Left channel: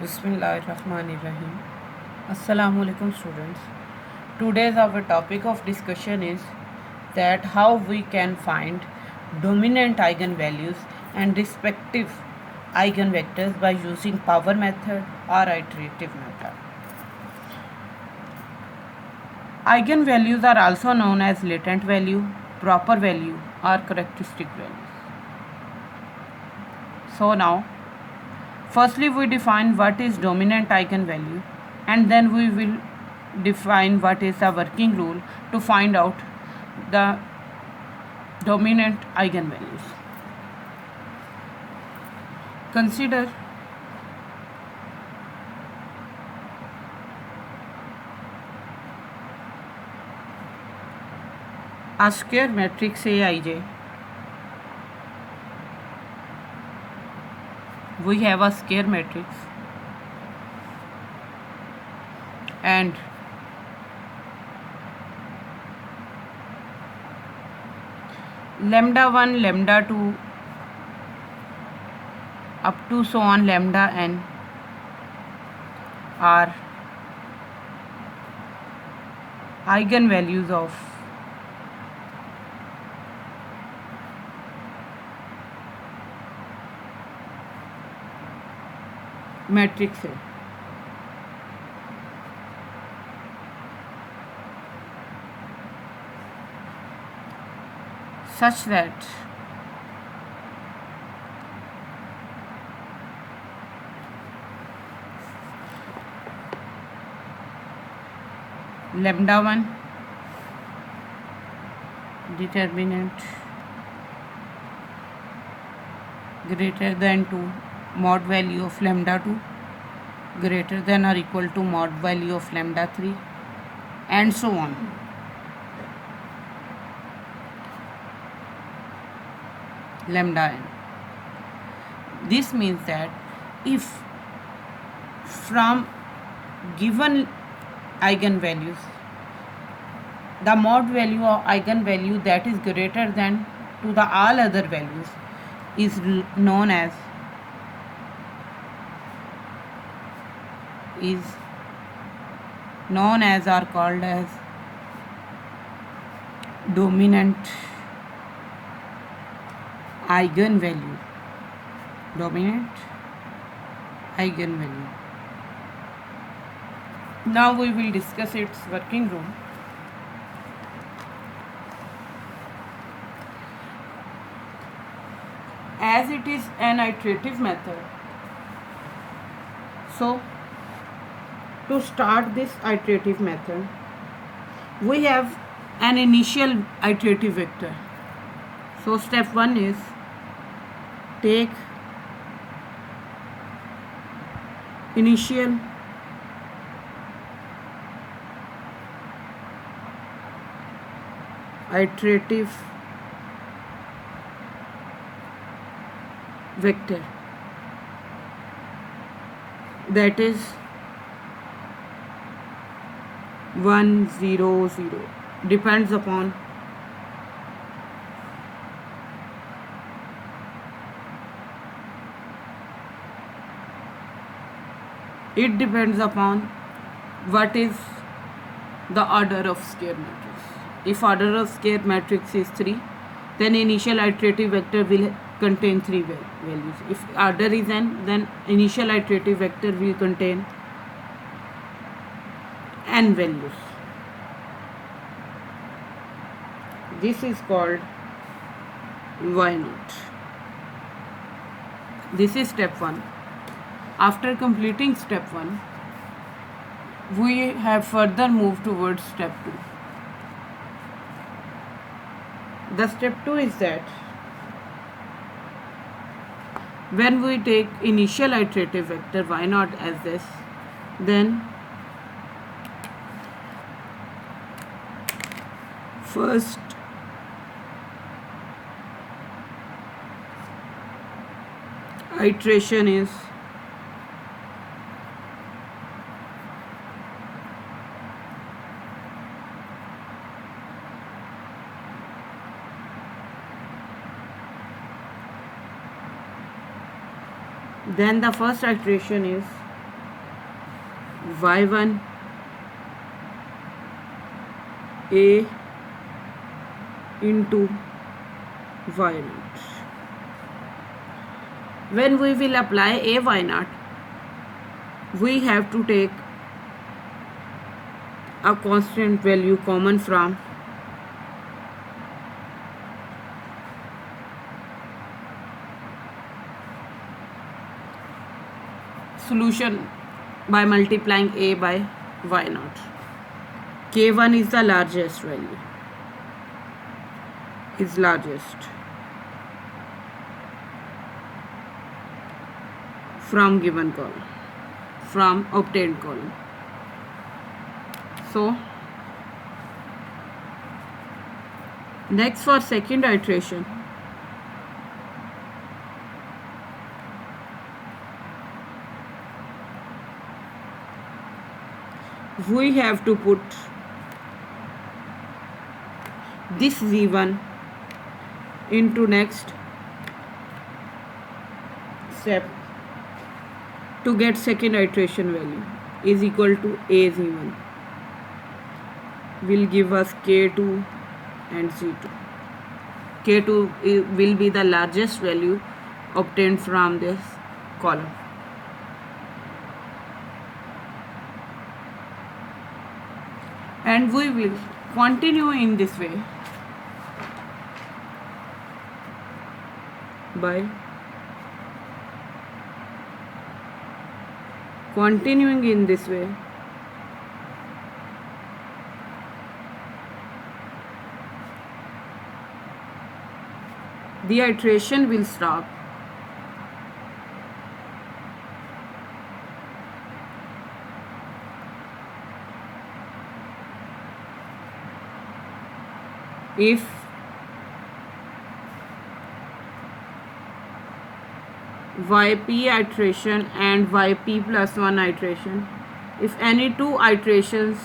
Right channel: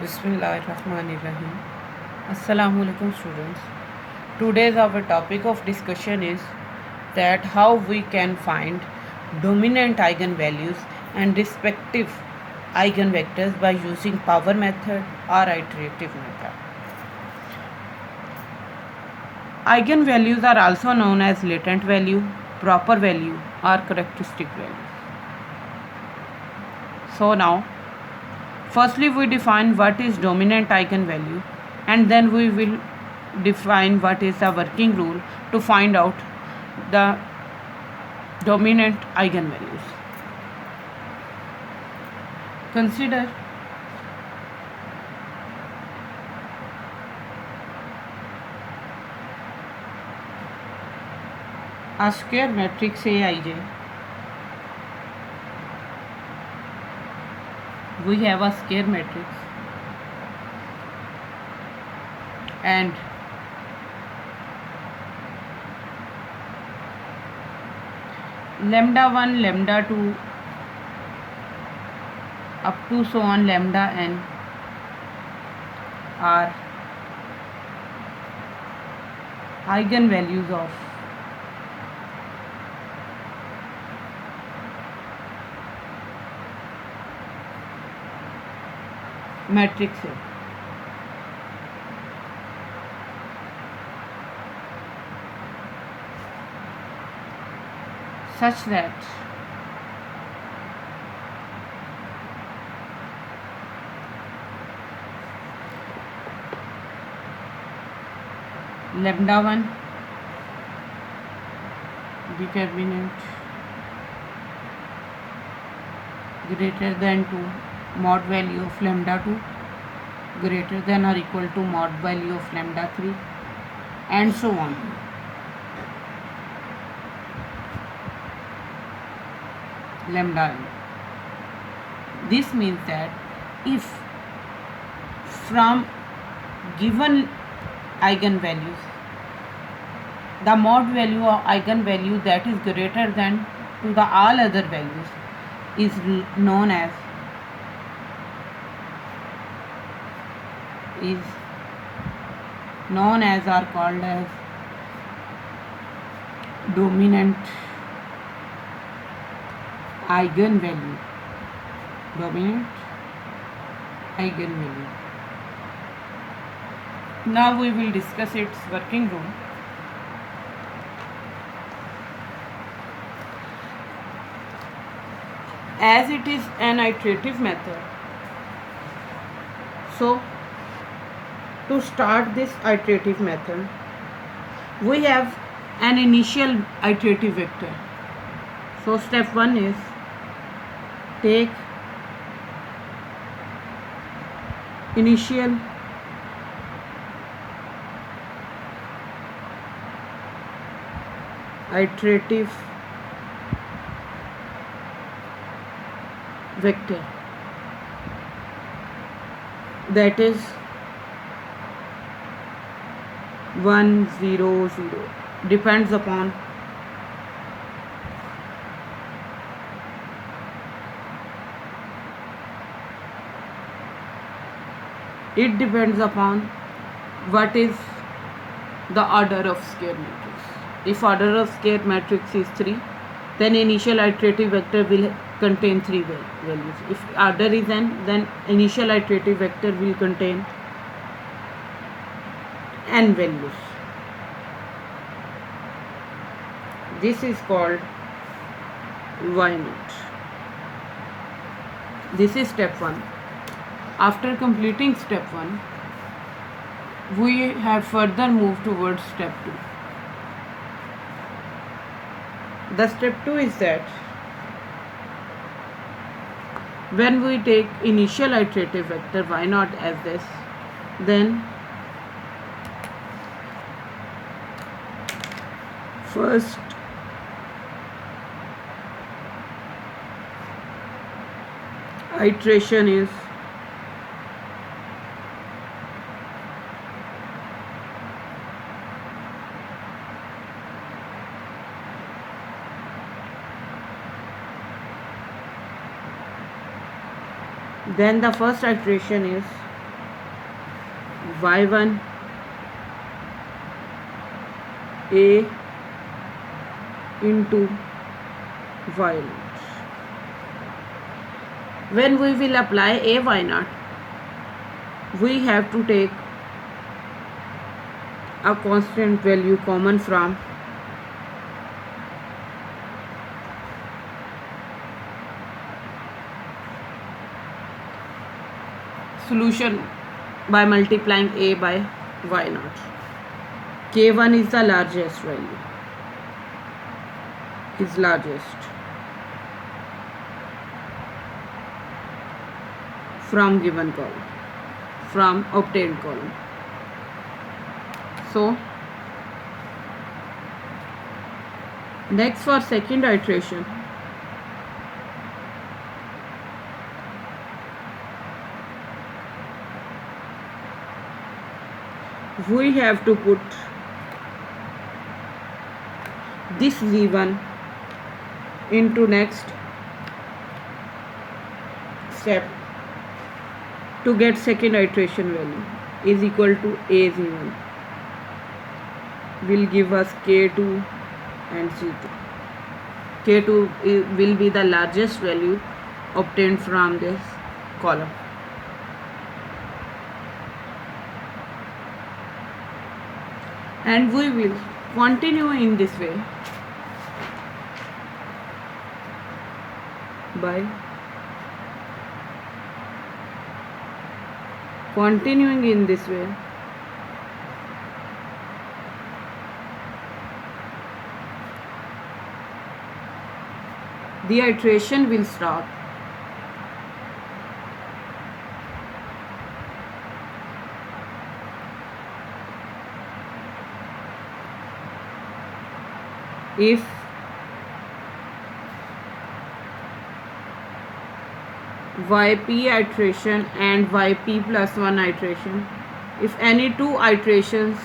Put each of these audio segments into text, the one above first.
Bismillahirrahmanirrahim. Assalamu alaikum students. Today's our topic of discussion is that how we can find dominant eigenvalues and respective eigenvectors by using power method or iterative method. Eigenvalues are also known as latent value, proper value or characteristic value. So now firstly, we define what is dominant eigenvalue and then we will define what is the working rule to find out the dominant eigenvalues. Consider a square matrix Aij. We have a square matrix and lambda 1, lambda 2 up to so on lambda n are eigenvalues of matrix A. Such that lambda 1 determinant greater than 2 mod value of lambda 2 greater than or equal to mod value of lambda 3 and so on. Lambda n. This means that if from given eigenvalues the mod value or eigenvalue that is greater than to the all other values is known as or called as dominant eigenvalue. Now we will discuss its working rule. As it is an iterative method, so to start this iterative method, we have an initial iterative vector. So step 1 is take initial iterative vector, that is 1 0 0, depends upon what is the order of square matrix. If order of square matrix is 3, then initial iterative vector will contain 3 values. If order is n, then initial iterative vector will contain n values. This is called y naught. This is step 1. After completing step 1, we have further moved towards step 2. The step 2 is that when we take initial iterative vector y naught as this, then first iteration is then the first iteration is y1 a into y0. When we will apply a y0, we have to take a constant value common from solution by multiplying a by y0. K1 is the largest value, is largest from given column, from obtained column. So next, for second iteration, we have to put this z1 into next step to get second iteration value is equal to a z1 will give us k2 and z2. K2 will be the largest value obtained from this column. And we will continue in this way by continuing in this way the iteration will stop if yp iteration and yp plus 1 iteration, if any two iterations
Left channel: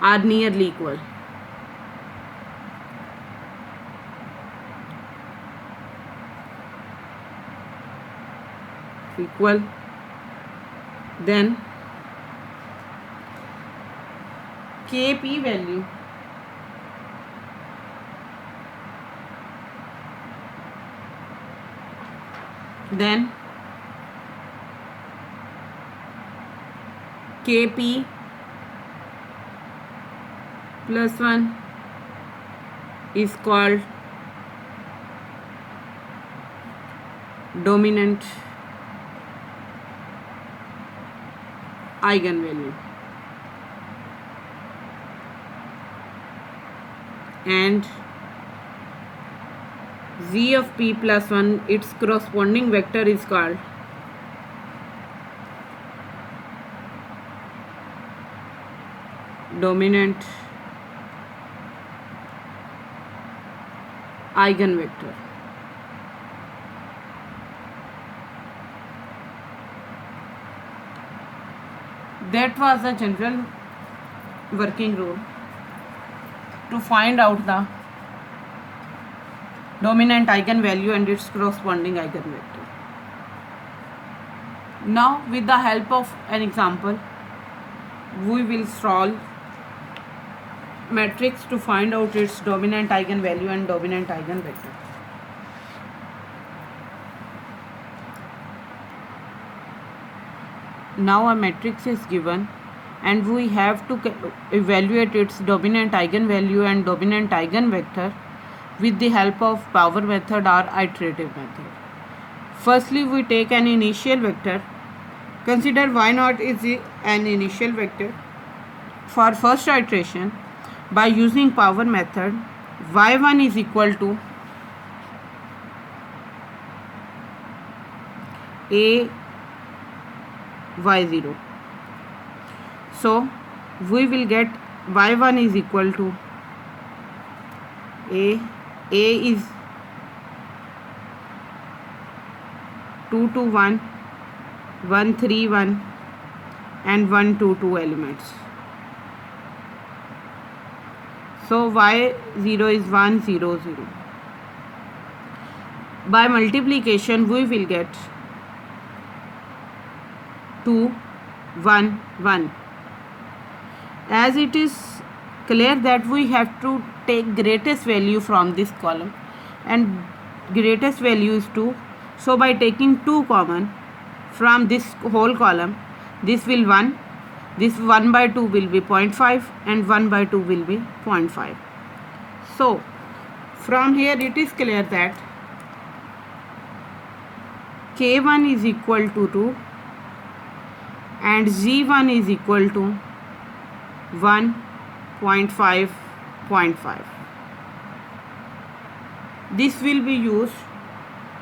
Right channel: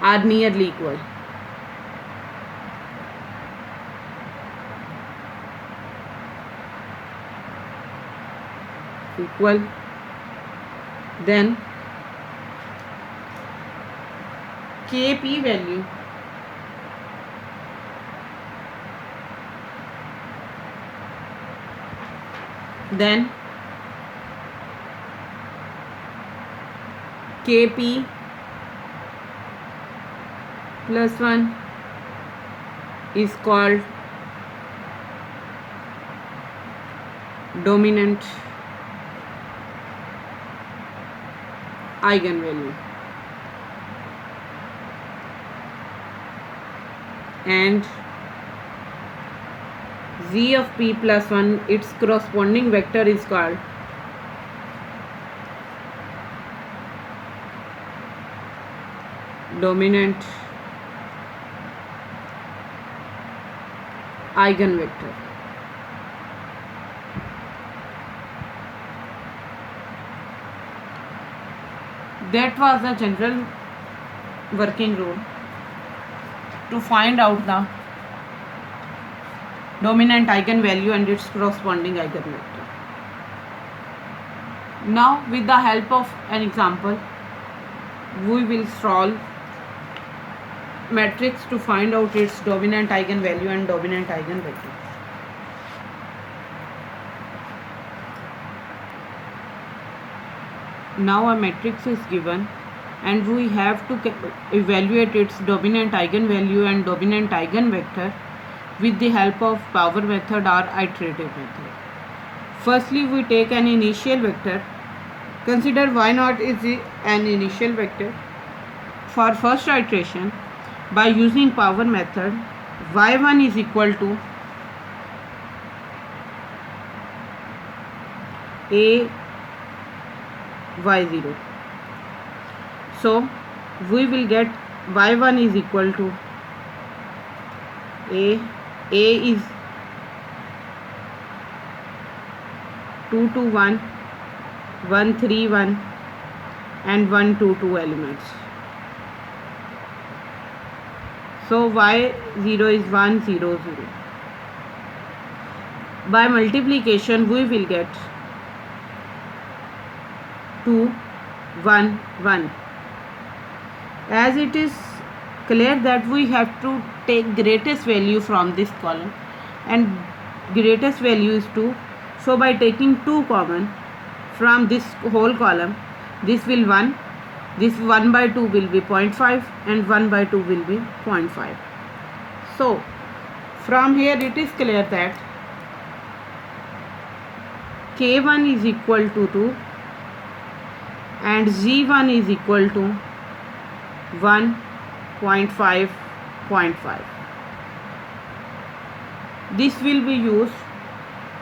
are nearly equal, then kp value then kp plus 1 is called dominant eigenvalue, and z of p plus 1, its corresponding vector is called dominant eigenvector. That was the general working rule to find out the dominant eigenvalue and its corresponding eigenvector. Now, with the help of an example, we will solve matrix to find out its dominant eigenvalue and dominant eigenvector. Now a matrix is given and we have to evaluate its dominant eigenvalue and dominant eigenvector with the help of power method or iterative method. Firstly, we take an initial vector. Consider y0 is an initial vector. For first iteration, by using power method, y1 is equal to a y0. So we will get y1 is equal to a is 2 to 1, 1 3 1 and 1 2 2 elements. So y0 is 1 0 0. By multiplication we will get 2 1 1. As it is clear that we have to take greatest value from this column, and greatest value is 2. So by taking 2 common from this whole column, this will 1, this 1 by 2 will be 0.5 and 1 by 2 will be 0.5. So from here it is clear that K1 is equal to 2 and Z1 is equal to 1.5. This will be used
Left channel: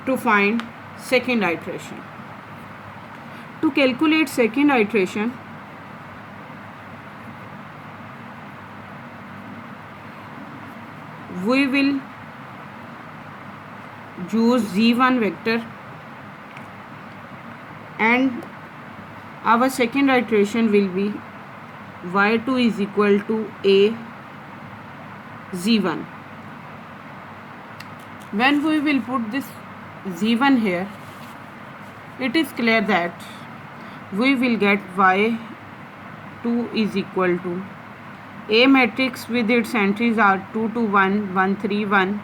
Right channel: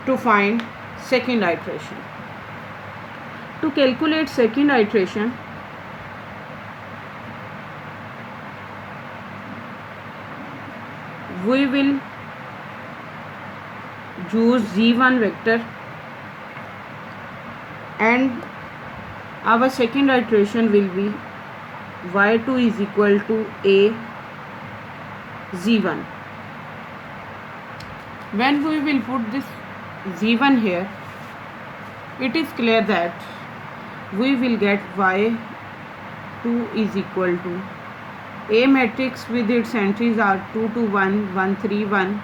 to find second iteration. To calculate second iteration, we will use Z1 vector, and our second iteration will be y2 is equal to a Z1. When we will put this Z1 here, it is clear that we will get y2 is equal to A matrix with its entries are 2 to 1, 1 3 1,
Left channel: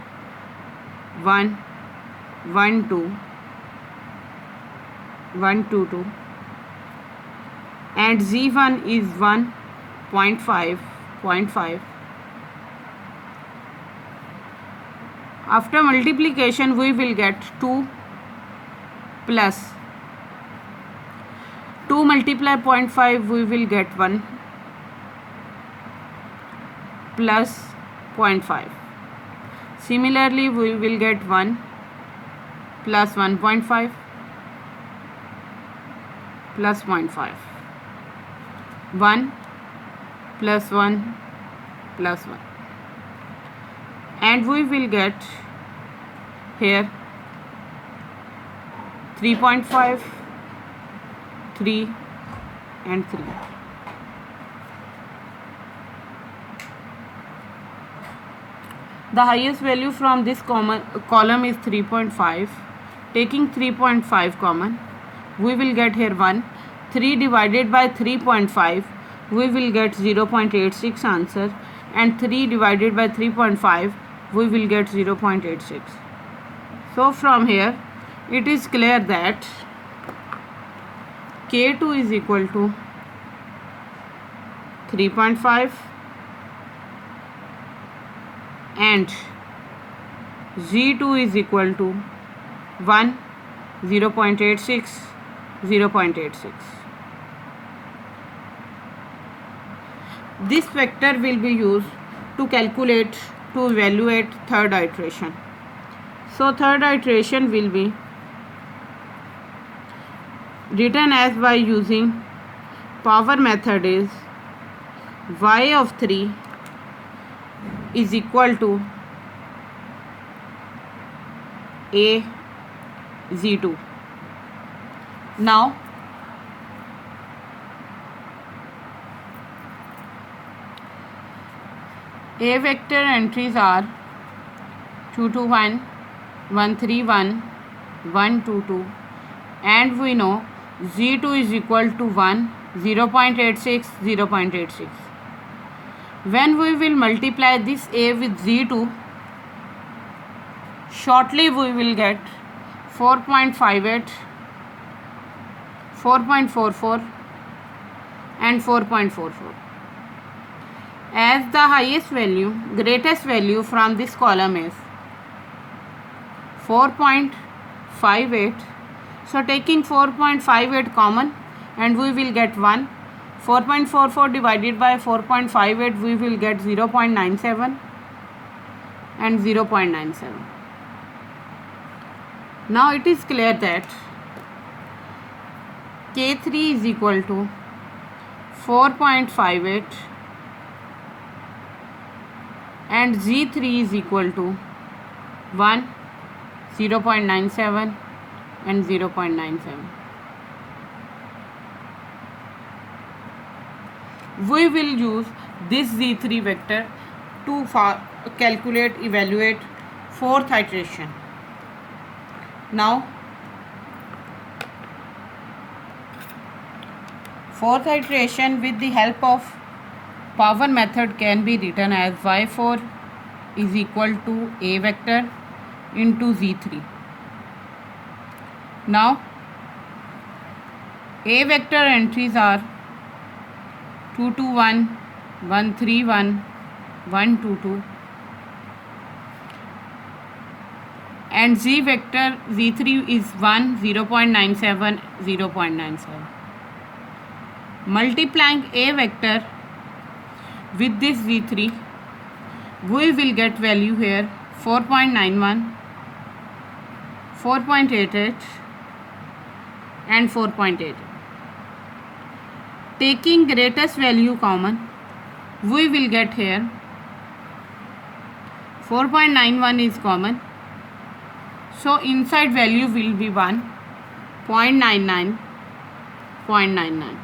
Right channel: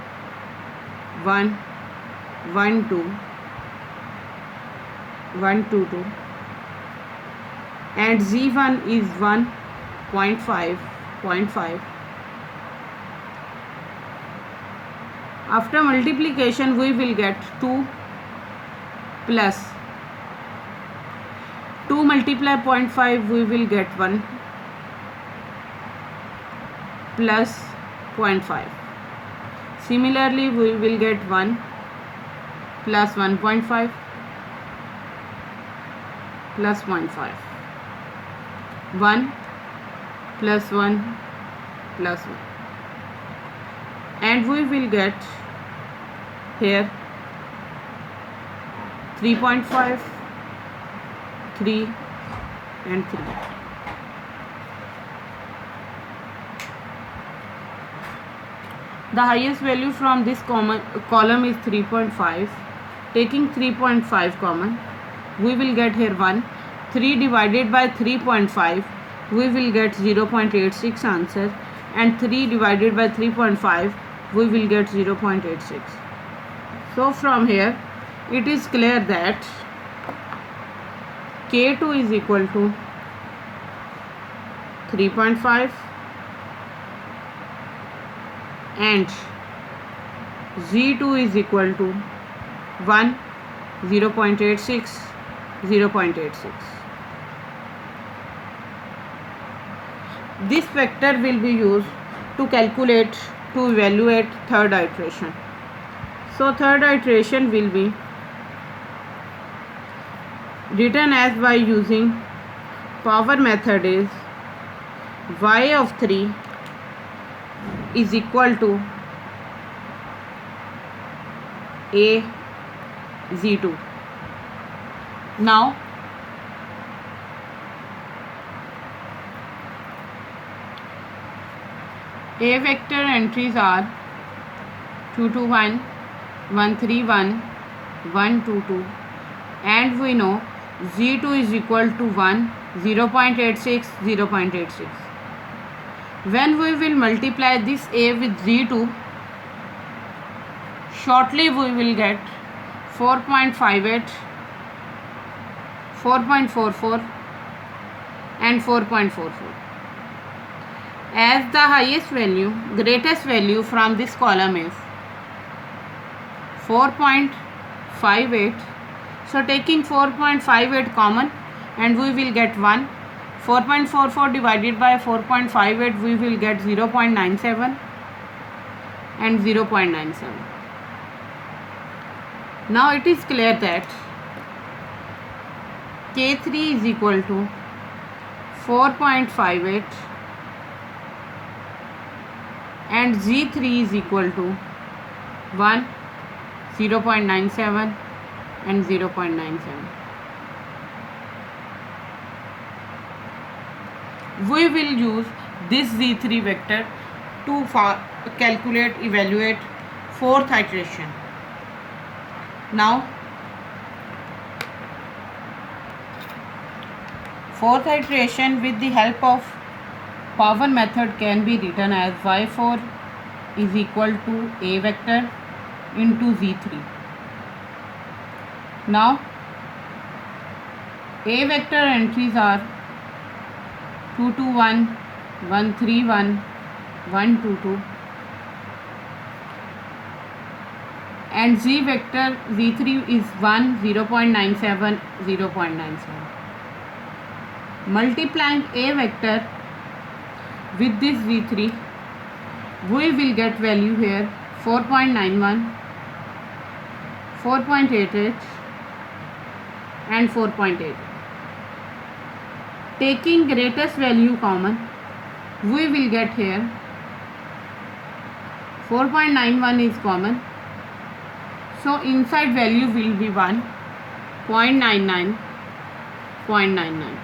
1 1 2, 1 2 2, and Z1 is 1.5. After multiplication we will get 2 plus 2 multiply 0.5, we will get 1 plus 0.5. Similarly we will get 1 plus 1.5 plus 0.5, 1 plus 1 plus 1, and we will get here 3.5, 3 and 3. The highest value from this column is 3.5. Taking 3.5 common, we will get here 1. 3 divided by 3.5, we will get 0.86 answer, and 3 divided by 3.5, we will get 0.86. So from here it is clear that K2 is equal to 3.5 and Z2 is equal to 1, 0.86, 0.86. This vector will be used to evaluate third iteration. So third iteration will be written as by using power method is y of 3 is equal to a Z2. Now A vector entries are 2 to 1, 1 3 1, 1 2 2, and we know Z2 is equal to 1, 0.86, 0.86. When we will multiply this A with Z2, shortly we will get 4.58, 4.44 and 4.44. As the greatest value from this column is 4.58, so taking 4.58 common, and we will get 1. 4.44 divided by 4.58, we will get 0.97 and 0.97. Now it is clear that K3 is equal to 4.58 and Z3 is equal to 1, 0.97 and 0.97. We will use this Z3 vector to evaluate fourth iteration. Now Fourth iteration with the help of power method can be written as y4 is equal to a vector into z3. Now a vector entries are 2 2 1, 1 3 1, 1 2 2, and z vector z3 is 1 0.97 0.97. Multiplying a vector with this z3, we will get value here 4.91, 4.88 and 4.8. Taking greatest value common, we will get here 4.91 is common, so inside value will be 1.99, 0.99.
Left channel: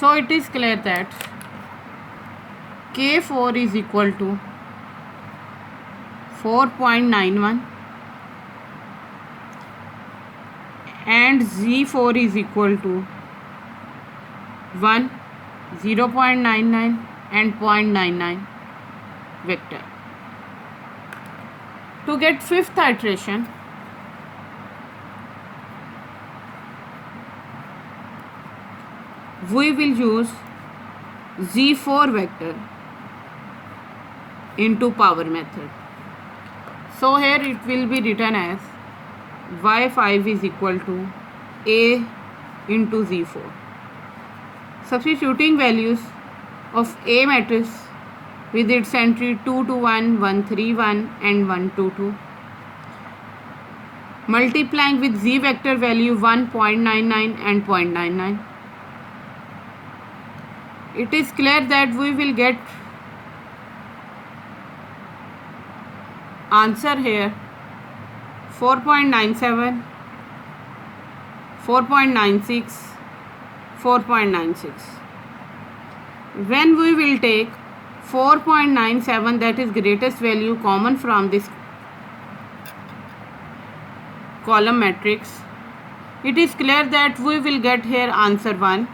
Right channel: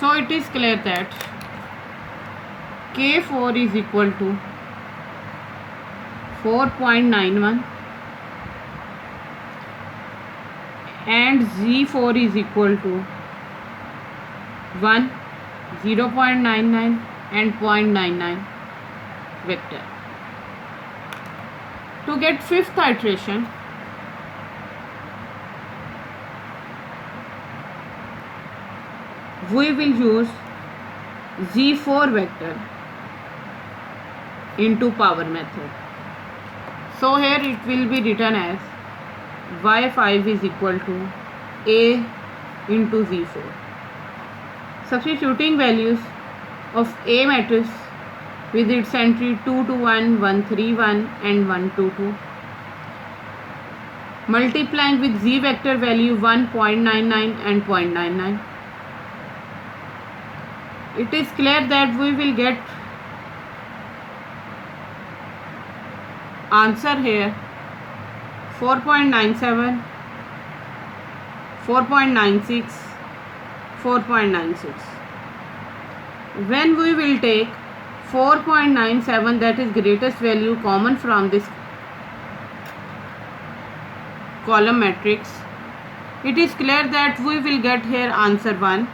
So it is clear that K4 is equal to 4.91 and Z4 is equal to 1, 0.99 and 0.99 vector. To get fifth iteration, we will use Z4 vector into power method. So here it will be written as y5 is equal to a into z4. Substituting values of a matrix with its entry 2 2 1, 1 3 1 and 1 2 2. Multiplying with z vector value 1.99 and 0.99. It is clear that we will get answer here 4.97, 4.96, 4.96. When we will take 4.97, that is greatest value common from this column matrix, it is clear that we will get here answer 1.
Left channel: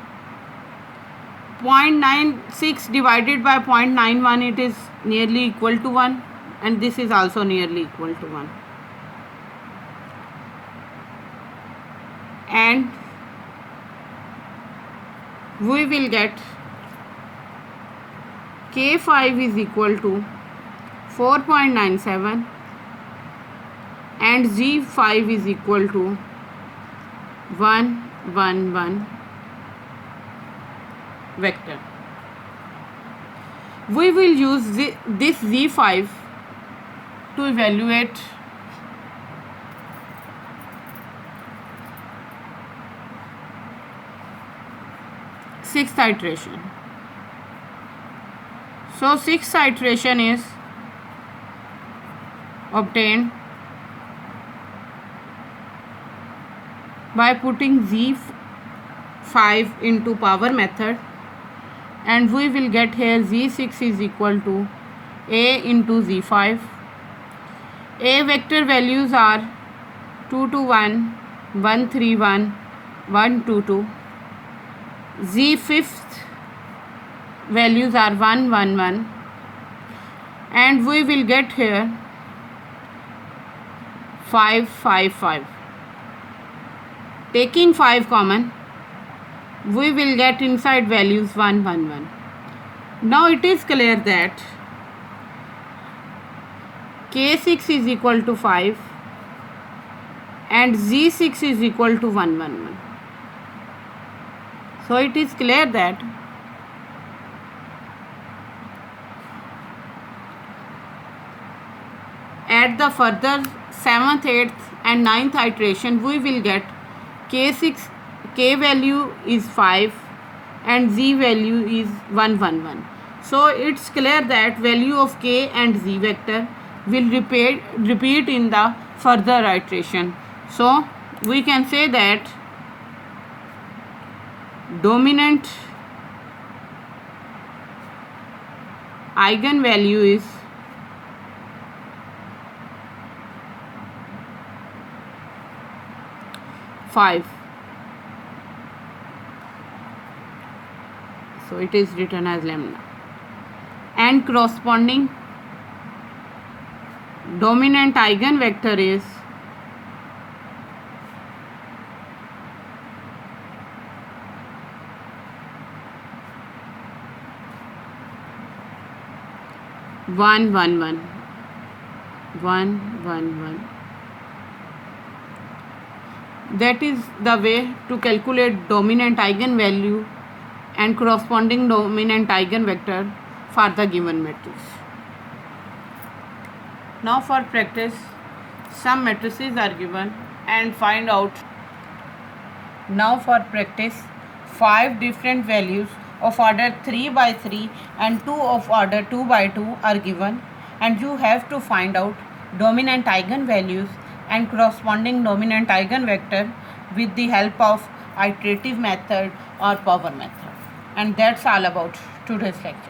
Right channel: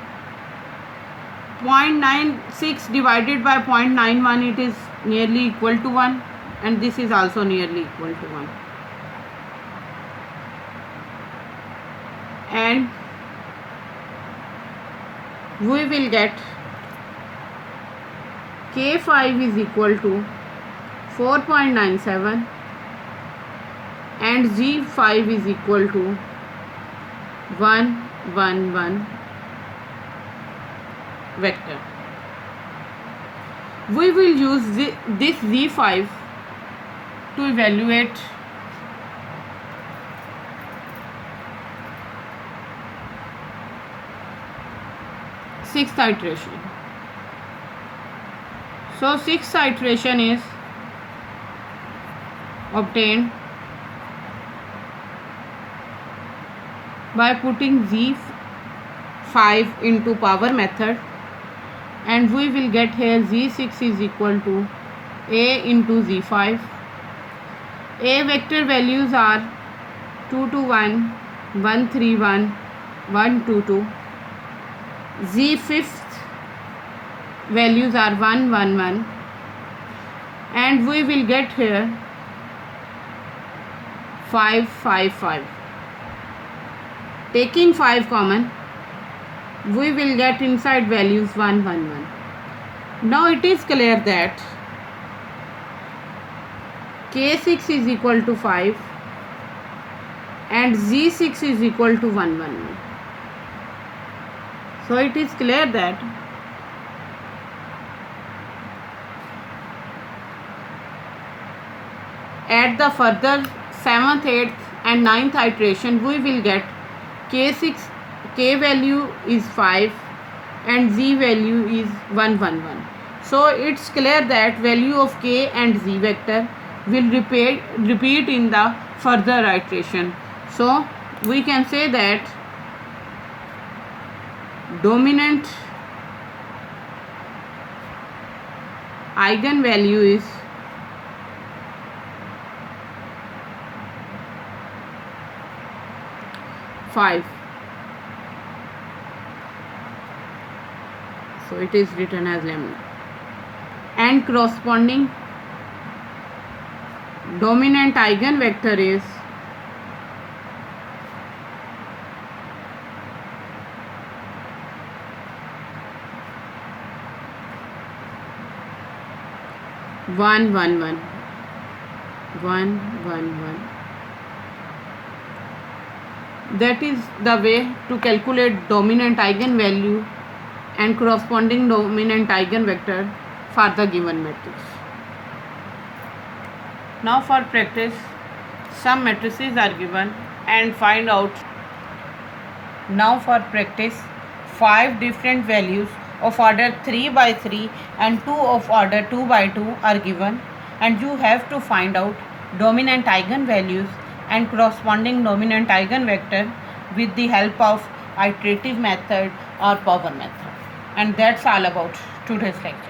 0.96 divided by 0.91, it is nearly equal to 1, and this is also nearly equal to 1. And we will get K5 is equal to 4.97 and Z5 is equal to 1 1 1 vector. We will use this Z5 to evaluate sixth iteration. So sixth iteration is obtained by putting Z5 into power method, and we will get here Z6 is equal to A into Z5. A vector values are 2 2 1, 1 3 1, 1 2 2. Z fifth values are 1 1 1, and we will get here 5 5 5. Taking 5 common, we will get inside values 1 1 1. Now it is clear that K6 is equal to 5 and Z6 is equal to 1 1 1. So it is clear that at the further 7th, 8th and 9th iteration, we will get K6, K value is 5 and Z value is 1 1 1. So it's clear that value of K and Z vector will repeat in the further iteration. So we can say that dominant eigenvalue is 5. So it is written as lambda. And corresponding dominant eigenvector is 1 1 1 1 1 1. That is the way to calculate dominant eigenvalue and corresponding dominant eigenvector for the given matrix. Now for practice, some matrices are given and find out. Now for practice, 5 different values of order 3 by 3 and 2 of order 2 by 2 are given, and you have to find out dominant eigenvalues and corresponding dominant eigenvector with the help of iterative method or power method. And that's all about today's lecture.